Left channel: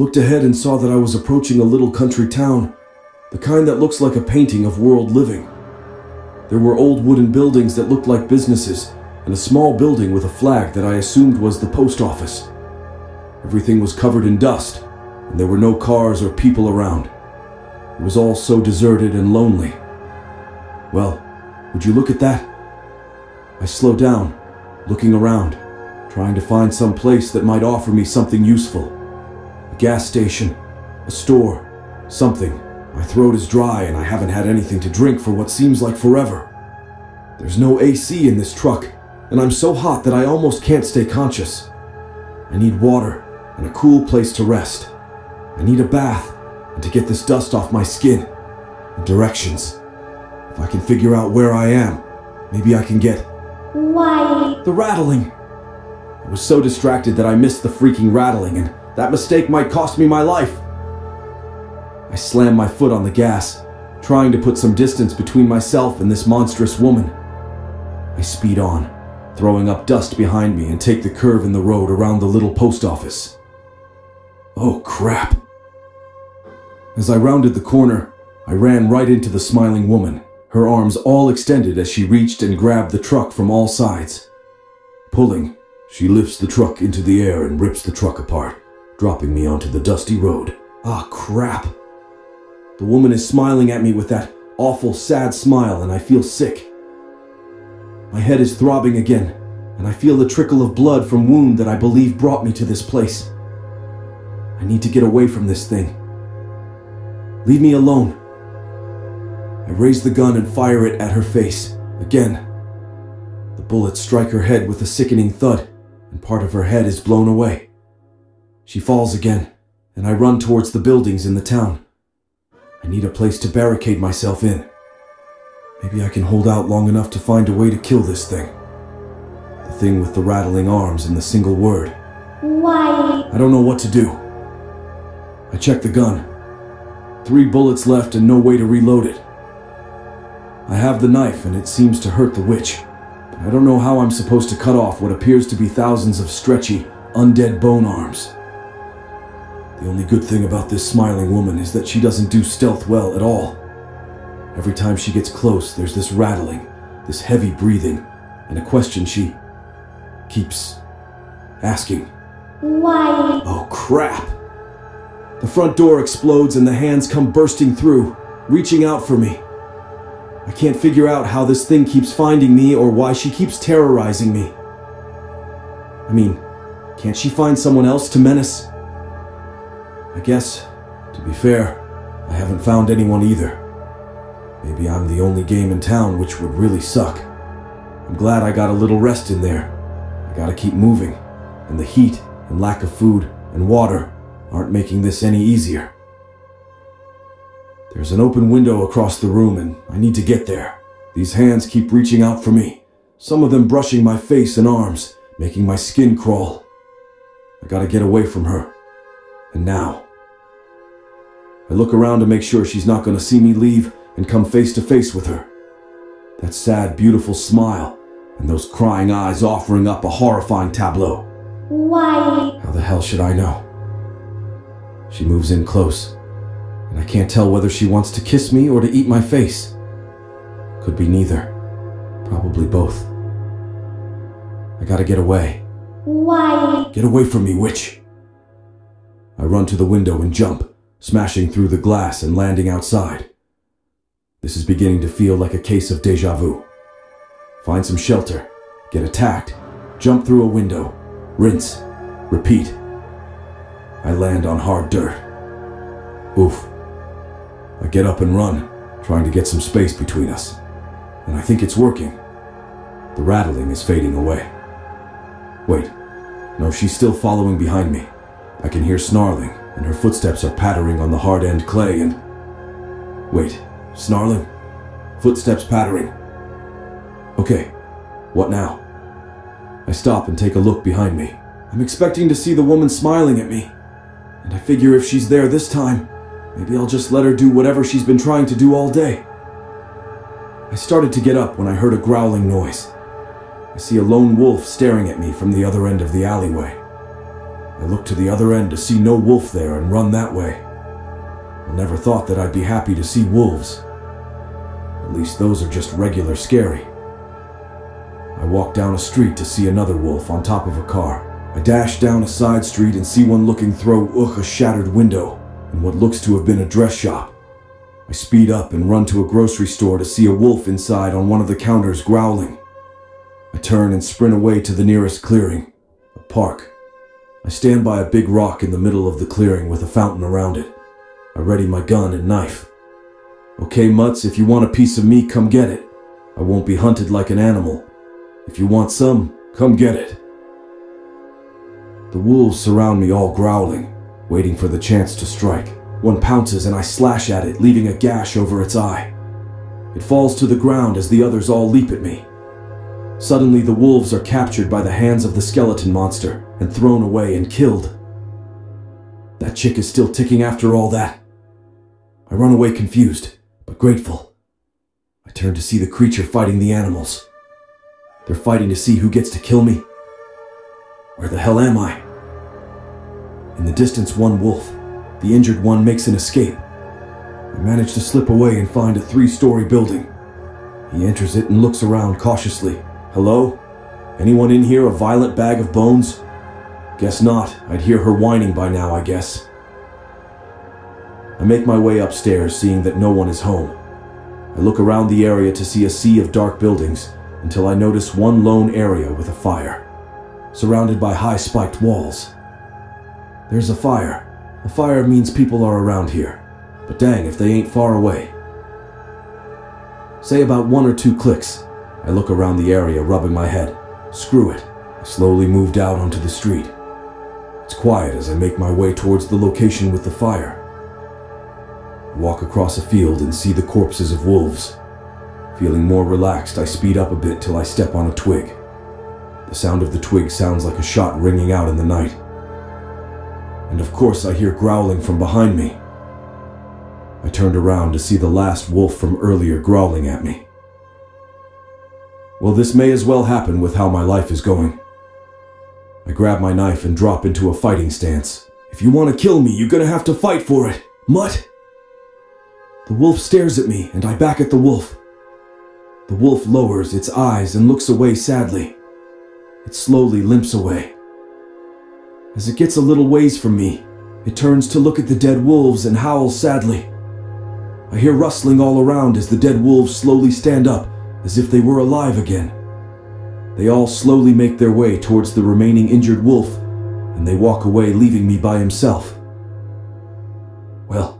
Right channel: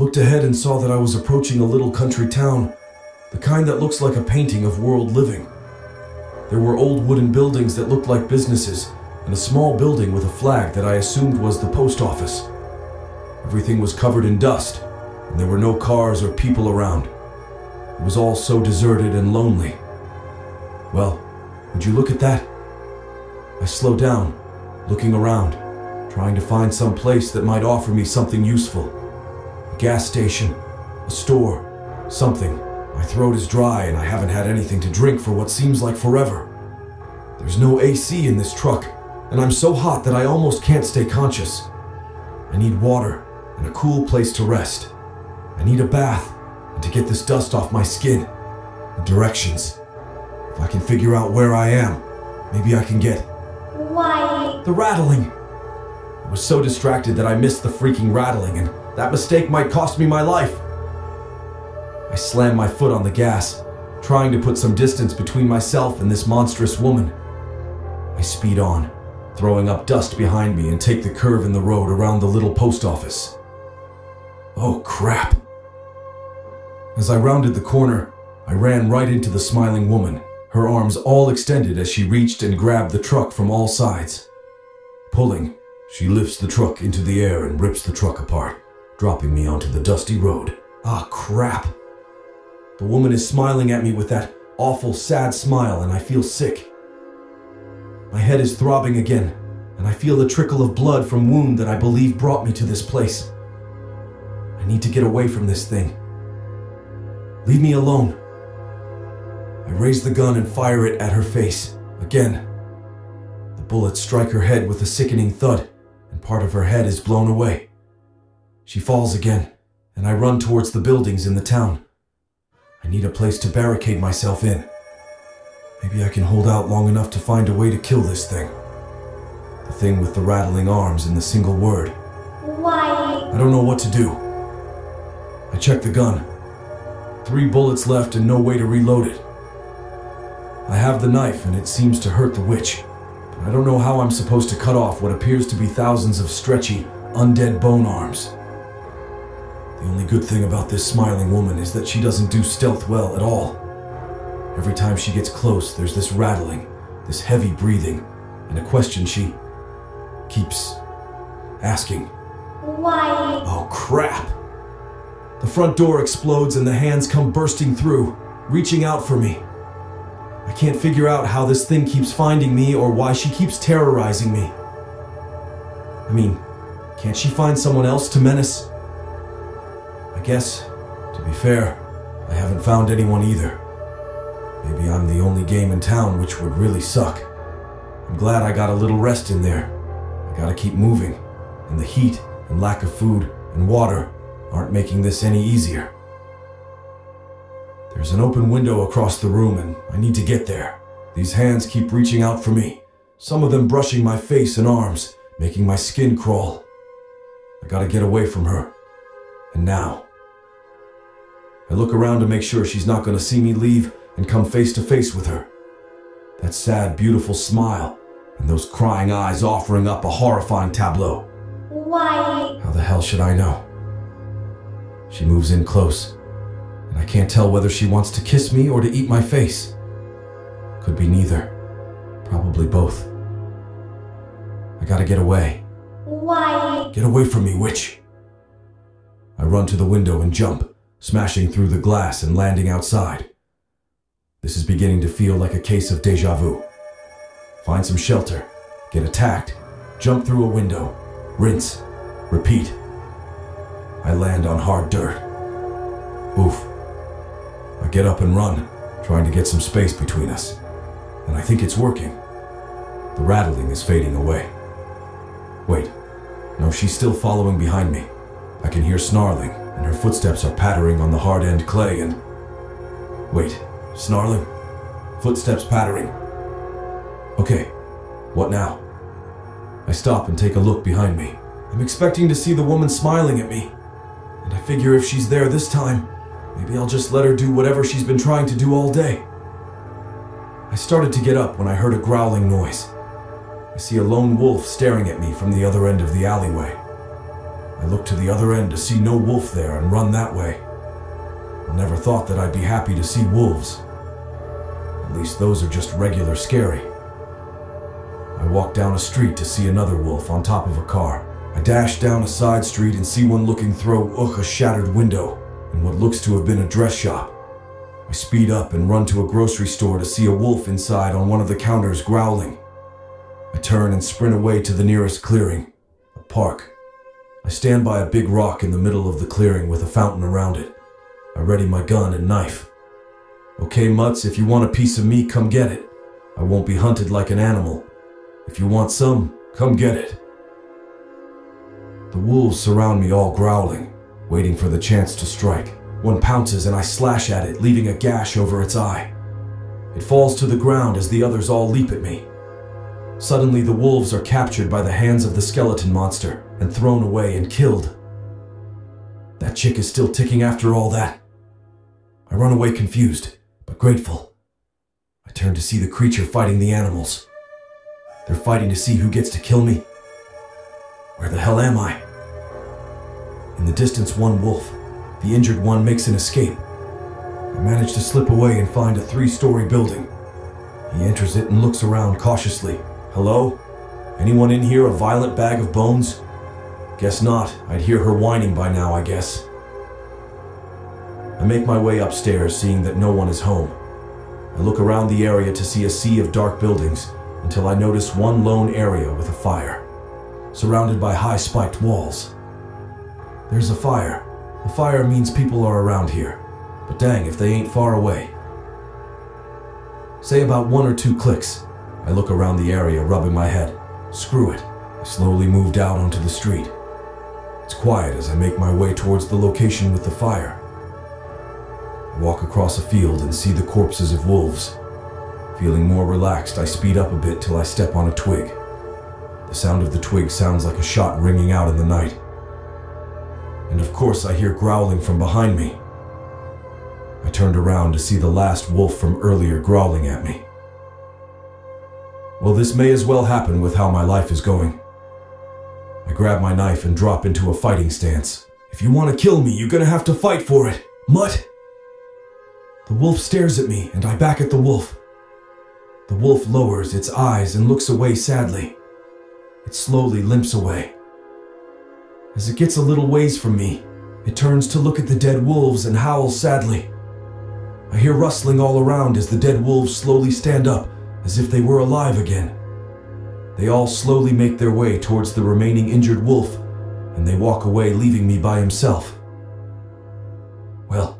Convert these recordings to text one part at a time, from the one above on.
looked ahead and saw that I was approaching a little country town, the kind that looks like a painting of world living. There were old wooden buildings that looked like businesses, and a small building with a flag that I assumed was the post office. Everything was covered in dust, and there were no cars or people around. It was all so deserted and lonely. Well, would you look at that? I slowed down, looking around, trying to find some place that might offer me something useful. A gas station, a store, something. My throat is dry and I haven't had anything to drink for what seems like forever. There's no AC in this truck, and I'm so hot that I almost can't stay conscious. I need water and a cool place to rest. I need a bath and to get this dust off my skin. And directions. If I can figure out where I am, maybe I can get... Why? The rattling. I was so distracted that I missed the freaking rattling, and that mistake might cost me my life. I slammed my foot on the gas, trying to put some distance between myself and this monstrous woman. I speed on, throwing up dust behind me, and take the curve in the road around the little post office. Oh, crap. As I rounded the corner, I ran right into the smiling woman, her arms all extended as she reached and grabbed the truck from all sides. Pulling, she lifts the truck into the air and rips the truck apart, dropping me onto the dusty road. Ah, crap. The woman is smiling at me with that awful, sad smile, and I feel sick. My head is throbbing again, and I feel the trickle of blood from wound that I believe brought me to this place. I need to get away from this thing. Leave me alone. I raise the gun and fire it at her face, again. The bullets strike her head with a sickening thud, and part of her head is blown away. She falls again, and I run towards the buildings in the town. I need a place to barricade myself in. Maybe I can hold out long enough to find a way to kill this thing. The thing with the rattling arms and the single word. Why? I don't know what to do. I check the gun. 3 bullets left and no way to reload it. I have the knife and it seems to hurt the witch, but I don't know how I'm supposed to cut off what appears to be thousands of stretchy, undead bone arms. The only good thing about this smiling woman is that she doesn't do stealth well at all. Every time she gets close, there's this rattling, this heavy breathing, and a question she keeps asking. Why? Oh, crap! The front door explodes and the hands come bursting through, reaching out for me. I can't figure out how this thing keeps finding me or why she keeps terrorizing me. I mean, can't she find someone else to menace? I guess, to be fair, I haven't found anyone either. Maybe I'm the only game in town, which would really suck. I'm glad I got a little rest in there. I gotta keep moving, and the heat and lack of food and water aren't making this any easier. There's an open window across the room, and I need to get there. These hands keep reaching out for me, some of them brushing my face and arms, making my skin crawl. I gotta get away from her. And now. I look around to make sure she's not gonna see me leave and come face to face with her. That sad, beautiful smile, and those crying eyes offering up a horrifying tableau. Why? How the hell should I know? She moves in close, and I can't tell whether she wants to kiss me or to eat my face. Could be neither. Probably both. I gotta get away. Why? Get away from me, witch! I run to the window and jump, smashing through the glass and landing outside. This is beginning to feel like a case of déjà vu. Find some shelter, get attacked, jump through a window, rinse, repeat. I land on hard dirt. Oof. I get up and run, trying to get some space between us. And I think it's working. The rattling is fading away. Wait. No, she's still following behind me. I can hear snarling, and her footsteps are pattering on the hard-end clay and... Wait, snarling? Footsteps pattering. Okay, what now? I stop and take a look behind me. I'm expecting to see the woman smiling at me. And I figure if she's there this time, maybe I'll just let her do whatever she's been trying to do all day. I started to get up when I heard a growling noise. I see a lone wolf staring at me from the other end of the alleyway. I look to the other end to see no wolf there and run that way. I never thought that I'd be happy to see wolves. At least those are just regular scary. I walk down a street to see another wolf on top of a car. I dash down a side street and see one looking through a shattered window in what looks to have been a dress shop. I speed up and run to a grocery store to see a wolf inside on one of the counters growling. I turn and sprint away to the nearest clearing, a park. I stand by a big rock in the middle of the clearing with a fountain around it. I ready my gun and knife. Okay, mutts, if you want a piece of me, come get it. I won't be hunted like an animal. If you want some, come get it. The wolves surround me all growling, waiting for the chance to strike. One pounces and I slash at it, leaving a gash over its eye. It falls to the ground as the others all leap at me. Suddenly, the wolves are captured by the hands of the skeleton monster and thrown away and killed. That chick is still ticking after all that. I run away confused, but grateful. I turn to see the creature fighting the animals. They're fighting to see who gets to kill me. Where the hell am I? In the distance, one wolf. The injured one makes an escape. I manage to slip away and find a 3-story building. He enters it and looks around cautiously. Hello? Anyone in here a violent bag of bones? Guess not. I'd hear her whining by now, I guess. I make my way upstairs, seeing that no one is home. I look around the area to see a sea of dark buildings until I notice one lone area with a fire, surrounded by high spiked walls. There's a fire. A fire means people are around here, but dang if they ain't far away. Say about 1 or 2 clicks. I look around the area, rubbing my head. Screw it. I slowly moved out onto the street. It's quiet as I make my way towards the location with the fire. I walk across a field and see the corpses of wolves. Feeling more relaxed, I speed up a bit till I step on a twig. The sound of the twig sounds like a shot ringing out in the night. And of course I hear growling from behind me. I turned around to see the last wolf from earlier growling at me. Well, this may as well happen with how my life is going. I grab my knife and drop into a fighting stance. If you want to kill me, you're gonna have to fight for it, mutt! The wolf stares at me and I back at the wolf. The wolf lowers its eyes and looks away sadly. It slowly limps away. As it gets a little ways from me, it turns to look at the dead wolves and howls sadly. I hear rustling all around as the dead wolves slowly stand up, as if they were alive again. They all slowly make their way towards the remaining injured wolf, and they walk away, leaving me by himself. Well,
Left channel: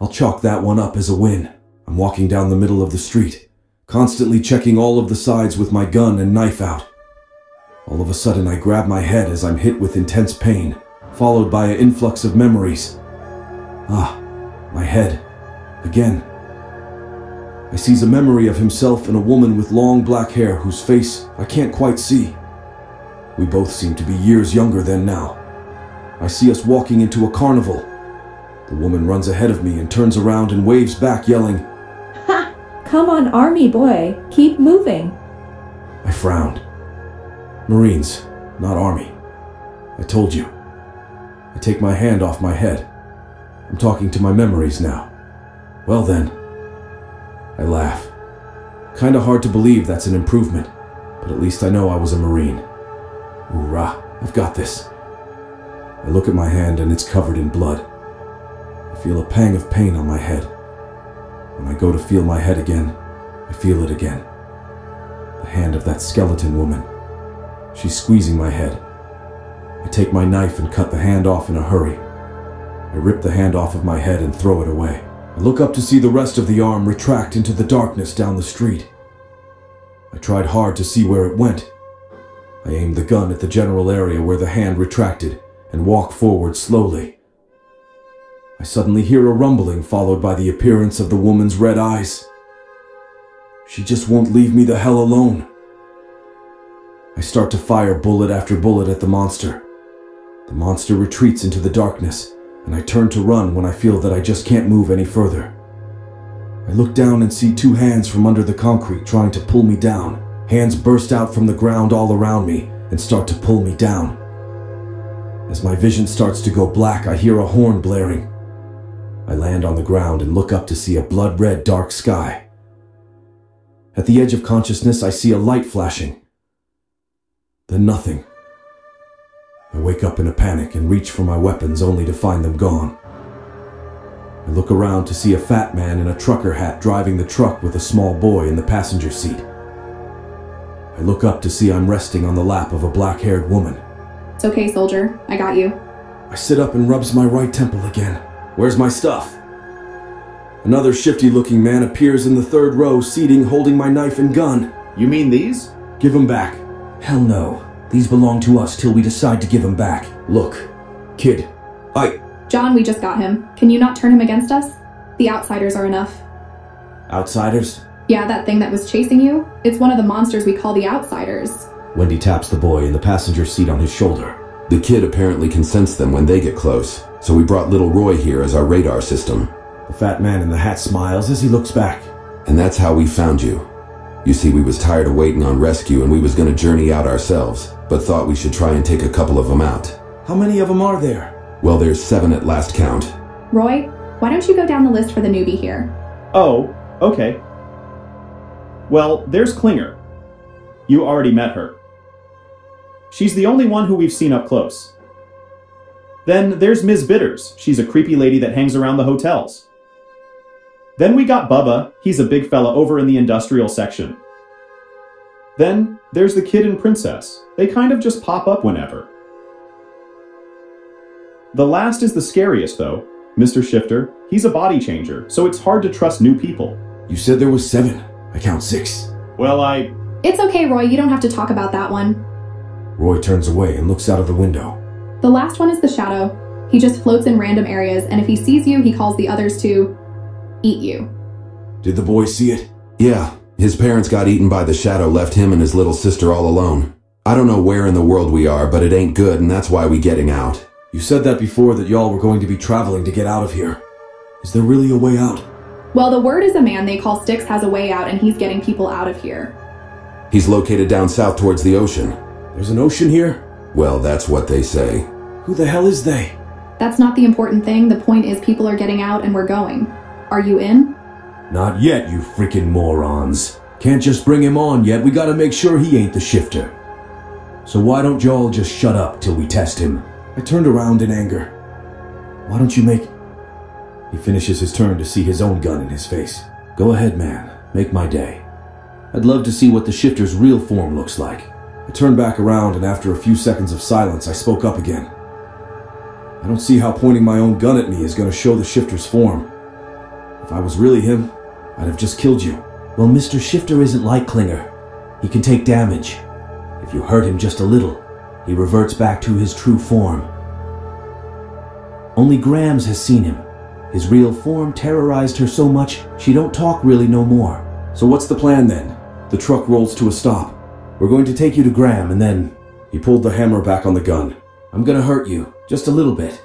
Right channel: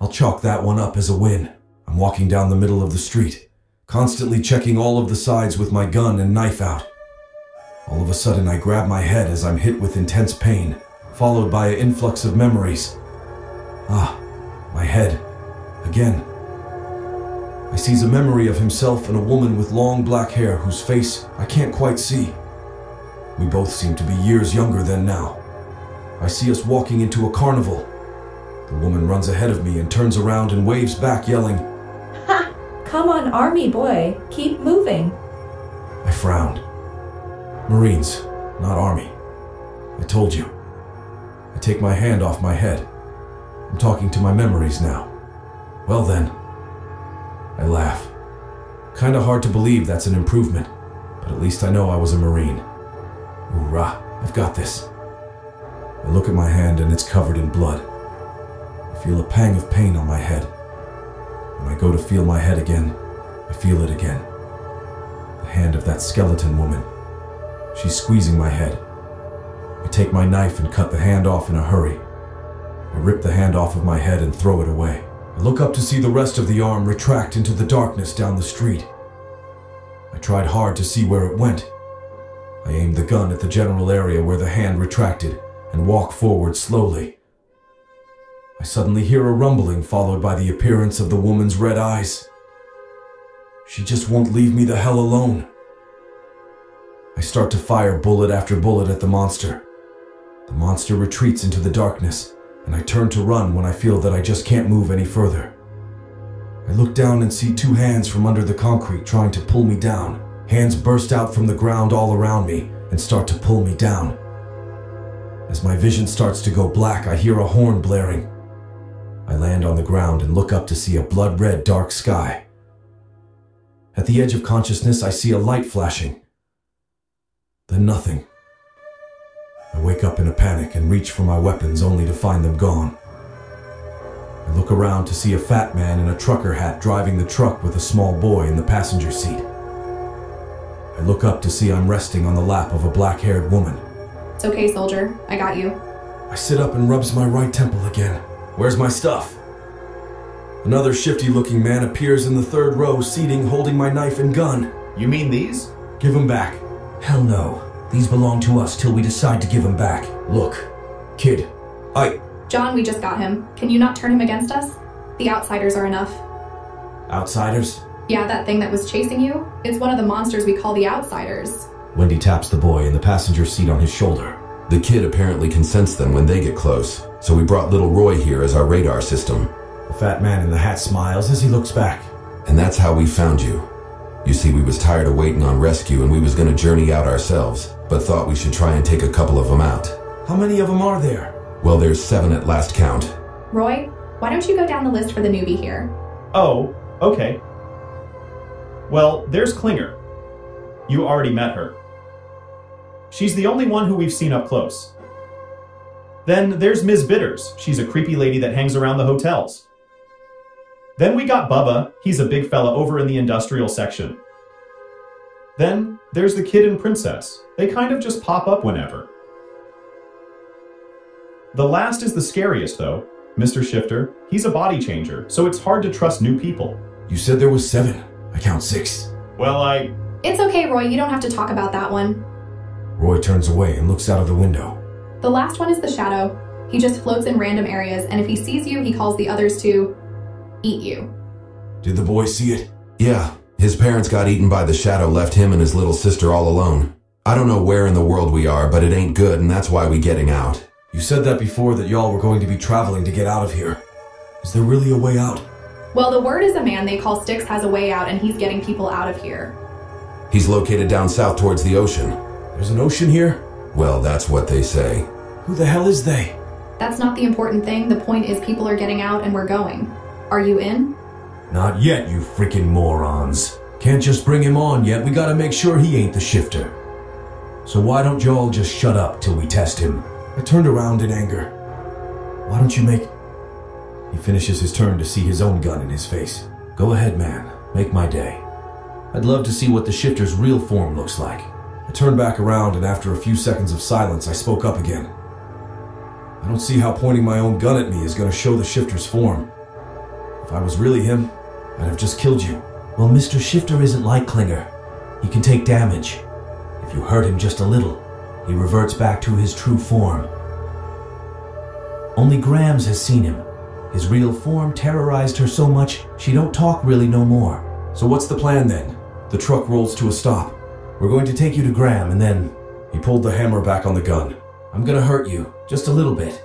I'll chalk that one up as a win. I'm walking down the middle of the street, constantly checking all of the sides with my gun and knife out. All of a sudden, I grab my head as I'm hit with intense pain, followed by an influx of memories. My head. Again. I seize a memory of himself and a woman with long black hair whose face I can't quite see. We both seem to be years younger than now. I see us walking into a carnival. The woman runs ahead of me and turns around and waves back, yelling, "Ha! Come on, army boy. Keep moving." I frowned. Marines, not army. I told you. I take my hand off my head. I'm talking to my memories now. Well then. I laugh. Kinda hard to believe that's an improvement, but at least I know I was a Marine. Hoorah, I've got this. I look at my hand and it's covered in blood. I feel a pang of pain on my head. When I go to feel my head again, I feel it again. The hand of that skeleton woman. She's squeezing my head. I take my knife and cut the hand off in a hurry. I rip the hand off of my head and throw it away. I look up to see the rest of the arm retract into the darkness down the street. I tried hard to see where it went. I aimed the gun at the general area where the hand retracted and walk forward slowly. I suddenly hear a rumbling followed by the appearance of the woman's red eyes. She just won't leave me the hell alone. I start to fire bullet after bullet at the monster. The monster retreats into the darkness, and I turn to run when I feel that I just can't move any further. I look down and see 2 hands from under the concrete trying to pull me down. Hands burst out from the ground all around me and start to pull me down. As my vision starts to go black, I hear a horn blaring. I land on the ground and look up to see a blood-red dark sky. At the edge of consciousness, I see a light flashing. Then nothing. I wake up in a panic and reach for my weapons only to find them gone. I look around to see a fat man in a trucker hat driving the truck with a small boy in the passenger seat. I look up to see I'm resting on the lap of a black-haired woman. It's okay, soldier. I got you. I sit up and rubs my right temple again. Where's my stuff? Another shifty-looking man appears in the third row, seating, holding my knife and gun. You mean these? Give them back. Hell no. These belong to us till we decide to give them back. Look, kid, John, we just got him. Can you not turn him against us? The outsiders are enough. Outsiders? Yeah, that thing that was chasing you. It's one of the monsters we call the outsiders. Wendy taps the boy in the passenger seat on his shoulder. The kid apparently can sense them when they get close, so we brought little Roy here as our radar system. The fat man in the hat smiles as he looks back. And that's how we found you. You see, we was tired of waiting on rescue and we was gonna journey out ourselves, but thought we should try and take a couple of them out. How many of them are there? Well, there's 7 at last count. Roy, why don't you go down the list for the newbie here? Oh, okay. Well, there's Klinger. You already met her. She's the only one who we've seen up close. Then there's Ms. Bitters. She's a creepy lady that hangs around the hotels. Then we got Bubba. He's a big fella over in the industrial section. Then there's the kid and princess. They kind of just pop up whenever. The last is the scariest, though. Mr. Shifter. He's a body changer, so it's hard to trust new people. You said there was 7. I count 6. Well, It's okay, Roy. You don't have to talk about that one. Roy turns away and looks out of the window. The last one is the shadow. He just floats in random areas, and if he sees you, he calls the others to eat you. Did the boy see it? Yeah, his parents got eaten by the shadow, left him and his little sister all alone. I don't know where in the world we are, but it ain't good, and that's why we getting out. You said that before, that y'all were going to be traveling to get out of here. Is there really a way out? Well, the word is a man they call Styx has a way out, and he's getting people out of here. He's located down south towards the ocean. There's an ocean here? Well, that's what they say. Who the hell is they? That's not the important thing. The point is people are getting out and we're going. Are you in? Not yet, you freaking morons. Can't just bring him on yet. We gotta make sure he ain't the shifter. So why don't y'all just shut up till we test him? I turned around in anger. Why don't you make... He finishes his turn to see his own gun in his face. Go ahead, man. Make my day. I'd love to see what the shifter's real form looks like. I turned back around, and after a few seconds of silence, I spoke up again. I don't see how pointing my own gun at me is going to show the shifter's form. If I was really him, I'd have just killed you. Well, Mr. Shifter isn't like Klinger. He can take damage. If you hurt him just a little, he reverts back to his true form. Only Grams has seen him. His real form terrorized her so much, she don't talk really no more. So what's the plan then? The truck rolls to a stop. We're going to take you to Graham, and then... He pulled the hammer back on the gun. I'm gonna hurt you, just a little bit.